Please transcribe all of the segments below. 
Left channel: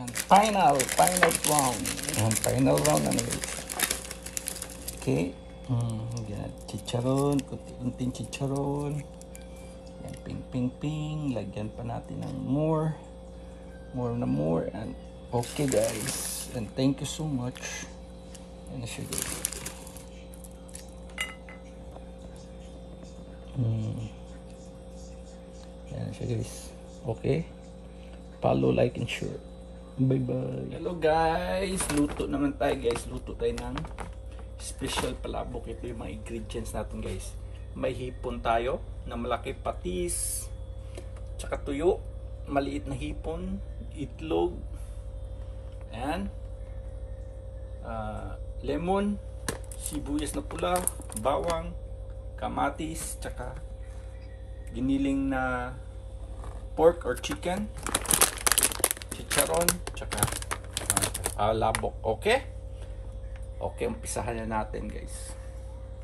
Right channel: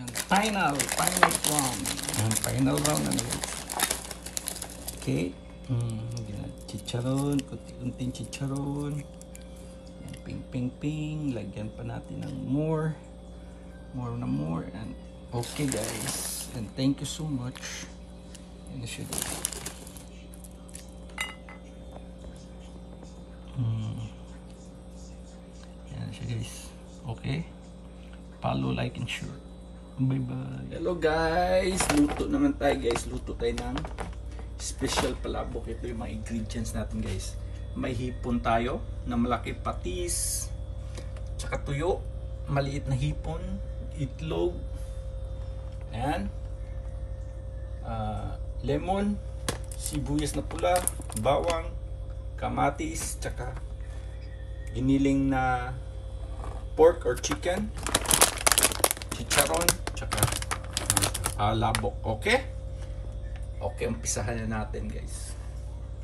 And final round. And final round na guys. Okay. Chicharon, kunting chicharon. Yan, ping. Lagyan pa natin ng more. And okay guys. And thank you so much. And should yan siya guys. Okay. Follow, like, and share. Bye bye. Hello guys. Luto naman tayo guys. Luto tayo ng special palabok. Ito yung mga ingredients natin guys. May hipon tayo na malaki, patis, tsaka tuyo, maliit na hipon, itlog, and lemon, sibuyas na pula, bawang, kamatis, tsaka giniling na pork or chicken, chicharon, tsaka labok. Okay? Okay, umpisahan na natin guys.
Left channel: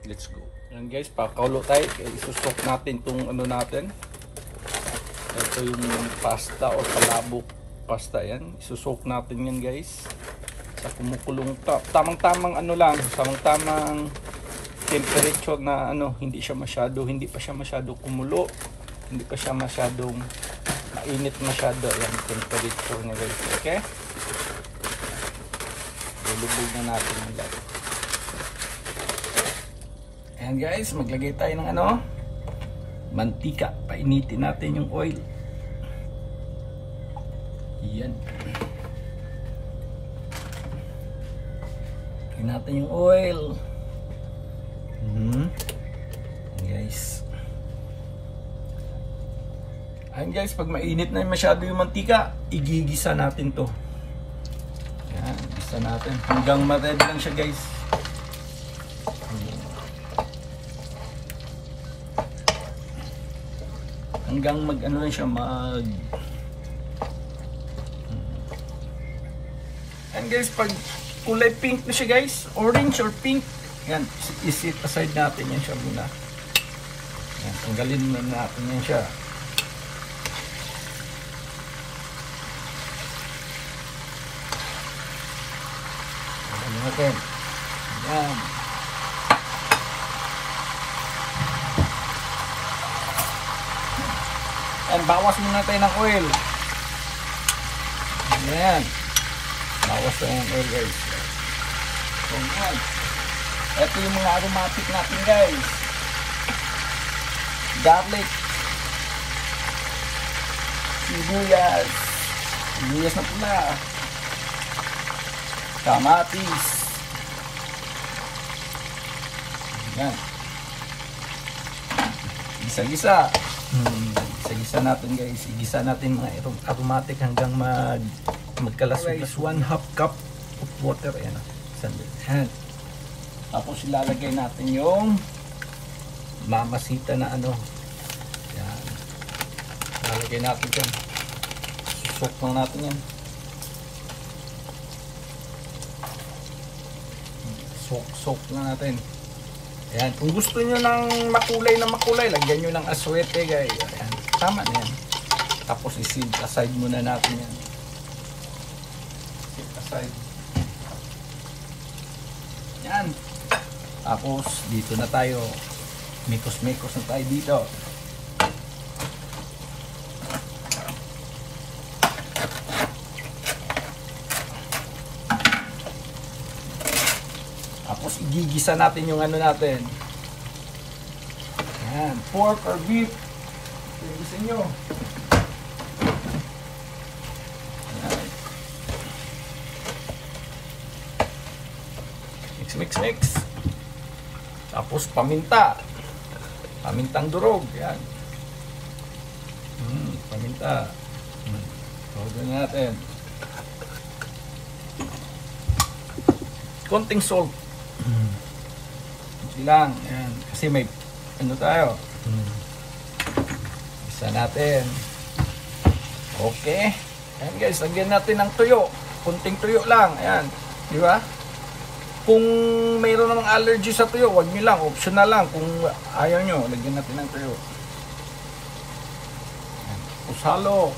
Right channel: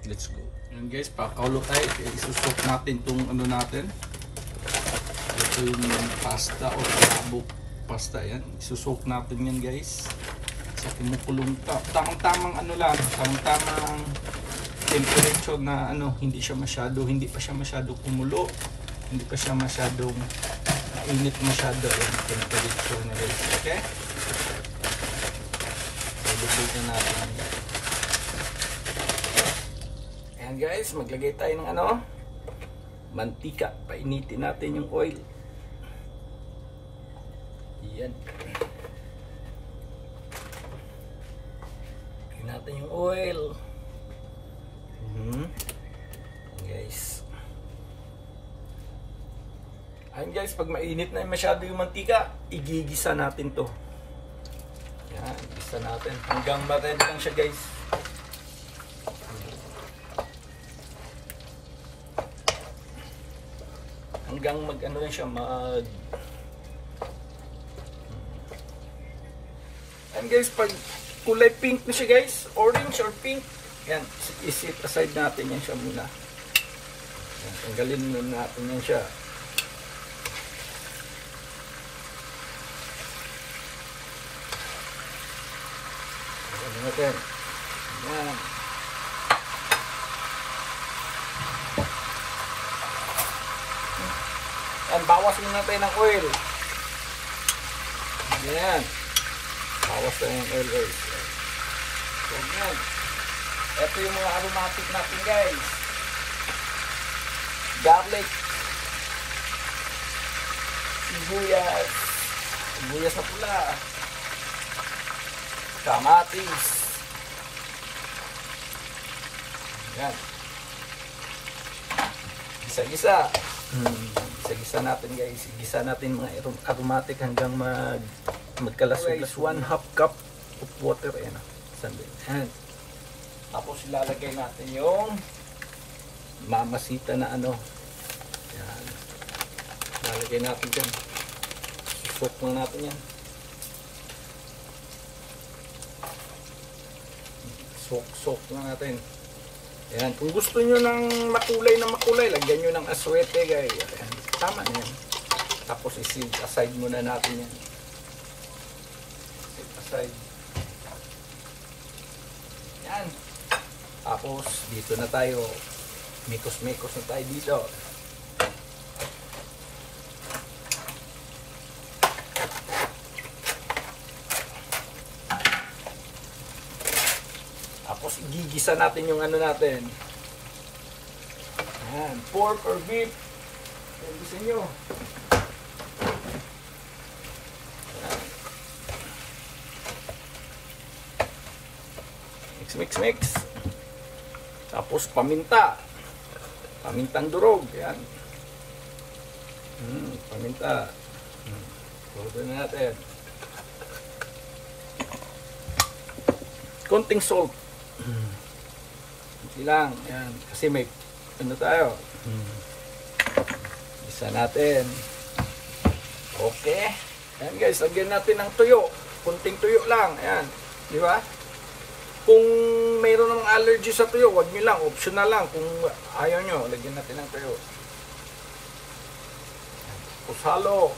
Let's go. Yan guys, pakaulo tayo. Isusok natin itong ano natin. Ito yung pasta o palabok pasta yan. Isusok natin yan guys. Sa kumukulong tamang-tamang ano lang, tamang-tamang temperature na ano, hindi pa siya masyado kumulo, hindi pa siya masyadong mainit masyado yung temperature na guys. Okay? Ilubog na natin ang guys. Ayan guys, maglagay tayo ng ano, mantika. Painitin natin yung oil. Yan. Lagyan natin yung oil. Guys. Ayan guys, pag mainit na masyado yung mantika, igigisa natin to. Yan, gisa natin. Hanggang ma-red lang siya guys. Hanggang mag-ano lang siya, and guys, pag kulay pink na siya guys, orange or pink, yan, isit aside natin yan siya muna. Yan, tanggalin na natin yan siya. Tanggalin natin. Yan. And bawas muna tayo ng oil. Yan. Bawas tayo ng oil guys. So yan. Ito yung mga aromatic natin guys. Garlic. Sibuyas. Sibuyas na pula. Kamatis. Yan. Gisa-gisa. Gisa natin guys, igisa natin mga aromatic hanggang magkalasog-las. 1/2 cup of water. Ayan. Tapos ilalagay natin yung mamasita na ano. Yan. Ilalagay natin dyan. Soak lang natin yan. Soak lang natin. Ayan. Kung gusto nyo ng makulay, lagyan nyo ng aswete guys. Ayan. Tama na yan. Tapos isid aside muna natin yan. Aside. Yan. Tapos dito na tayo. Mikos-mikos na tayo dito. Tapos igigisa natin yung ano natin. Yan. Pork or beef. Gusto nyo. Mix. Tapos paminta. Pamintang durog. Yan. Paminta. Tulad natin. Konting salt. Kunti lang. Yan. Kasi may ano tayo. Isa natin. Okay. Ayan guys, lagyan natin ng tuyo. Kunting tuyo lang. Ayan. Di ba? Kung mayroon namang allergy sa tuyo, wag nyo lang. Optional lang. Kung ayaw nyo, lagyan natin ng tuyo. Ayan. Tapos halo.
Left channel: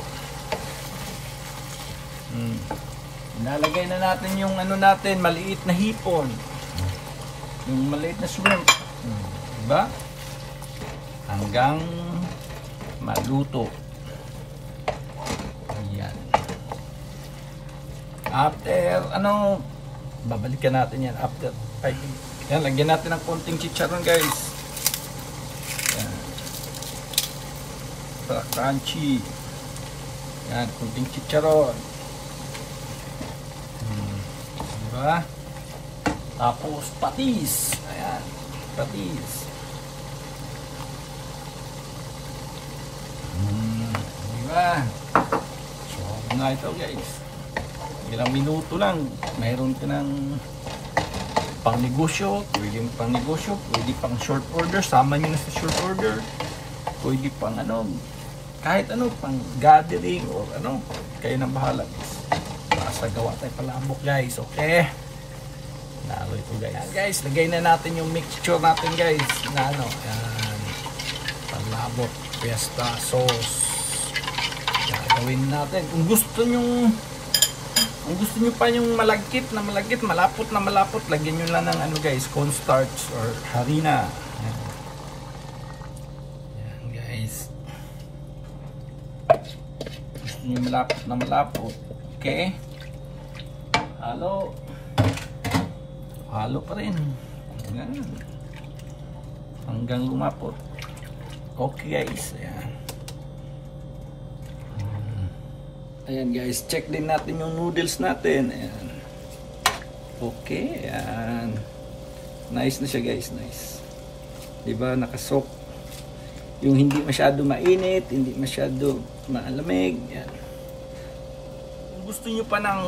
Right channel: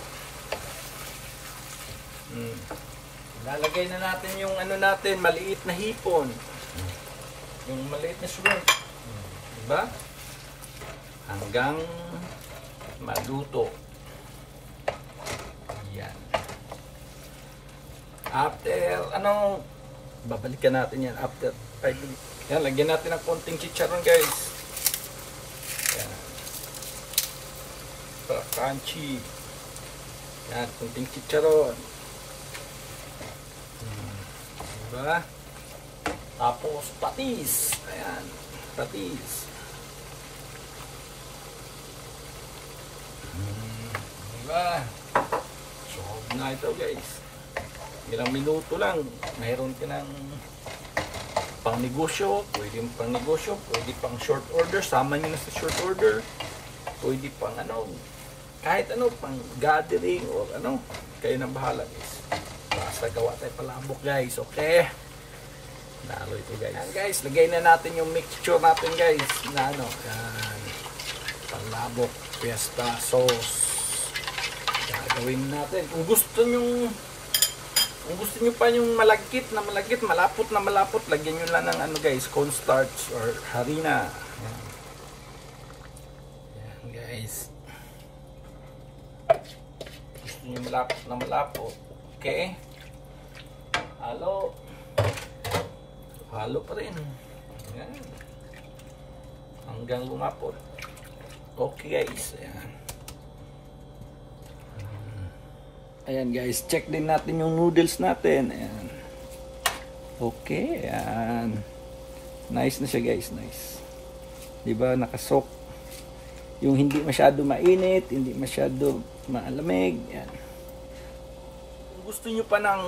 Nalagay na natin yung ano natin, maliit na hipon. Yung maliit na shrimp. Diba? Hanggang maluto. Yan. After, babalikan natin yan. After 5 minutes. Yan, lagyan natin ng konting chicharon, guys. Yan. Para crunchy. Yan, konting chicharon. Diba? Tapos patis. Ayan, patis. Diba? So, na ito, guys. Ilang minuto lang, mayroon ka ng pang negosyo, pwede pang negosyo, pwede pang short order, sama nyo na sa short order, pwede pang kahit pang gathering or kayo nang bahala, guys. Basta gawa tayo palabok, guys, okay? Lalo ito, guys. Ayan, guys, lagay na natin yung mixture natin, guys, na yan, palabok, fiesta sauce. Gagawin natin, kung gusto nyo pa yung malagkit, malapot na malapot, lagyan nyo lang ng guys, cornstarch or harina. Yan, guys. Gusto nyo malapot na malapot. Okay. Halo. Halo pa rin. Yan. Hanggang lumapot. Okay, guys. Ayan. Ayan, guys, check din natin yung noodles natin. Ayan. Okay, ayan. Nice na siya, guys, nice. Diba, nakasok. Yung hindi masyado mainit, hindi masyado maalamig. Ayan. Kung gusto nyo pa ng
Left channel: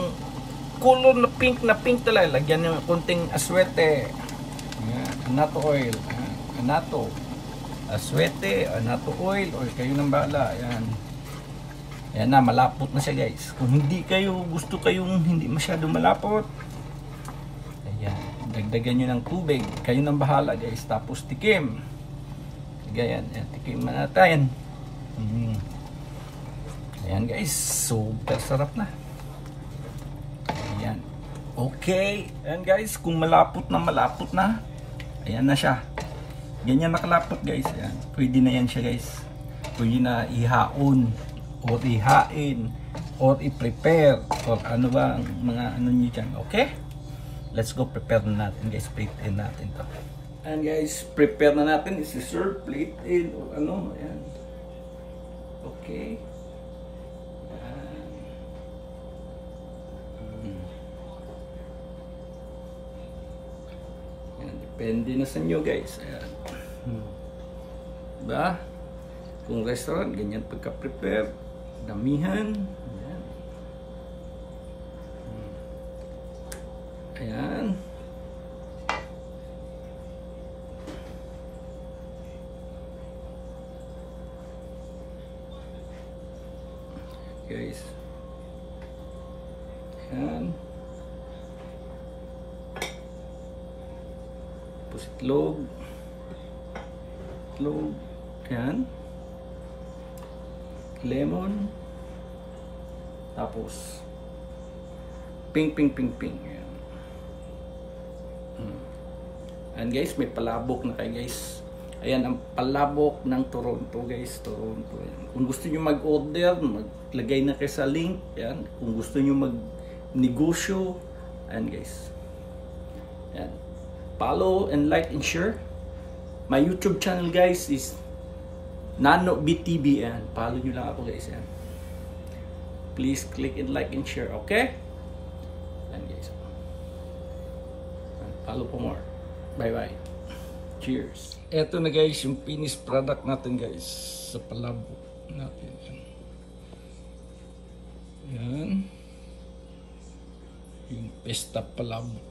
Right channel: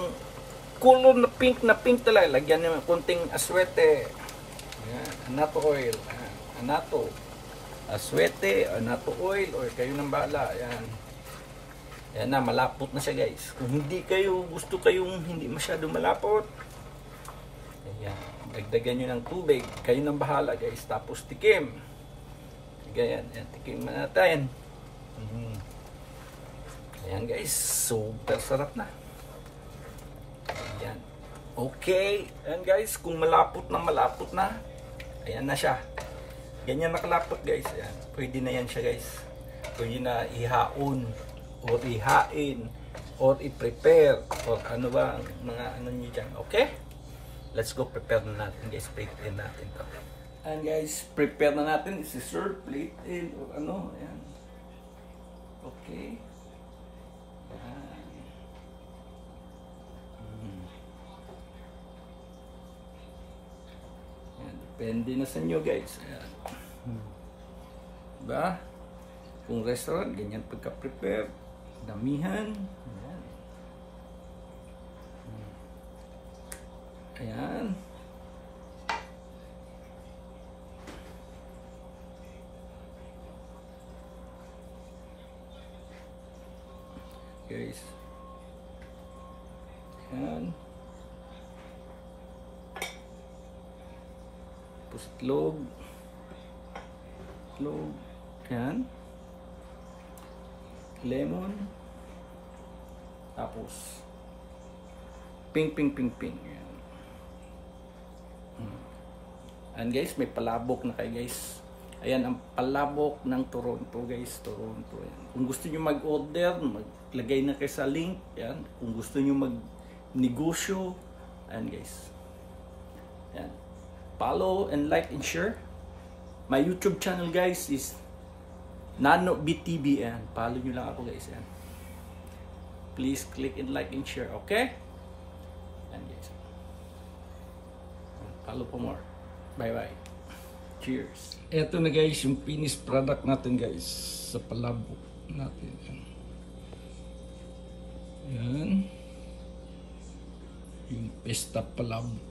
color na pink talaga, lagyan yung konting aswete. Ayan, anato oil. Ayan, anato. Aswete, anato oil, or kayo nang bahala. Ayan. Ayan na, malapot na siya, guys. Kung hindi kayo, gusto kayong hindi masyado malapot, ayan, dagdagan nyo ng tubig. Kayo nang bahala, guys. Tapos tikim. Ayan, tikim na natin. Ayan, guys. Super sarap na. Ayan. Okay. Ayan, guys. Kung malapot na, ayan na siya. Ganyan nakalapot, guys. Ayan. Pwede na yan siya, guys. Pwede na ihaon or ihain or i-prepare or ba ang mga nyo dyan. Okay, let's go prepare na natin, guys. Plate in natin to. And guys, prepare na natin. Isi-serve, plate in or ayan. Okay, ayan. Depende na sa inyo, guys. Ayan. Diba? Kung restaurant, ganyan pagka-prepare, damihan. Ayan. Ayan. Guys. Ayan. Tapos itlog. Ayan. Lemon. Tapos pink. Ayan. And guys, may palabok na kayo, guys. Ayan ang palabok ng Toronto, guys. Toronto. Ayan. Kung gusto niyo mag-order, maglagay na kayo sa link. Ayan. Kung gusto niyo mag-negosyo, ayan, guys. Ayan. Follow and like and share. My YouTube channel, guys, is Nano BTB. Ayan. Follow nyo lang ako, guys. Ayan. Please click and like and share. Okay? Ayan, guys. Ayan. Follow for more. Bye-bye. Cheers. Eto na, guys, yung finished product natin, guys. Sa palabok natin. Ayan. Yung pesta palabok.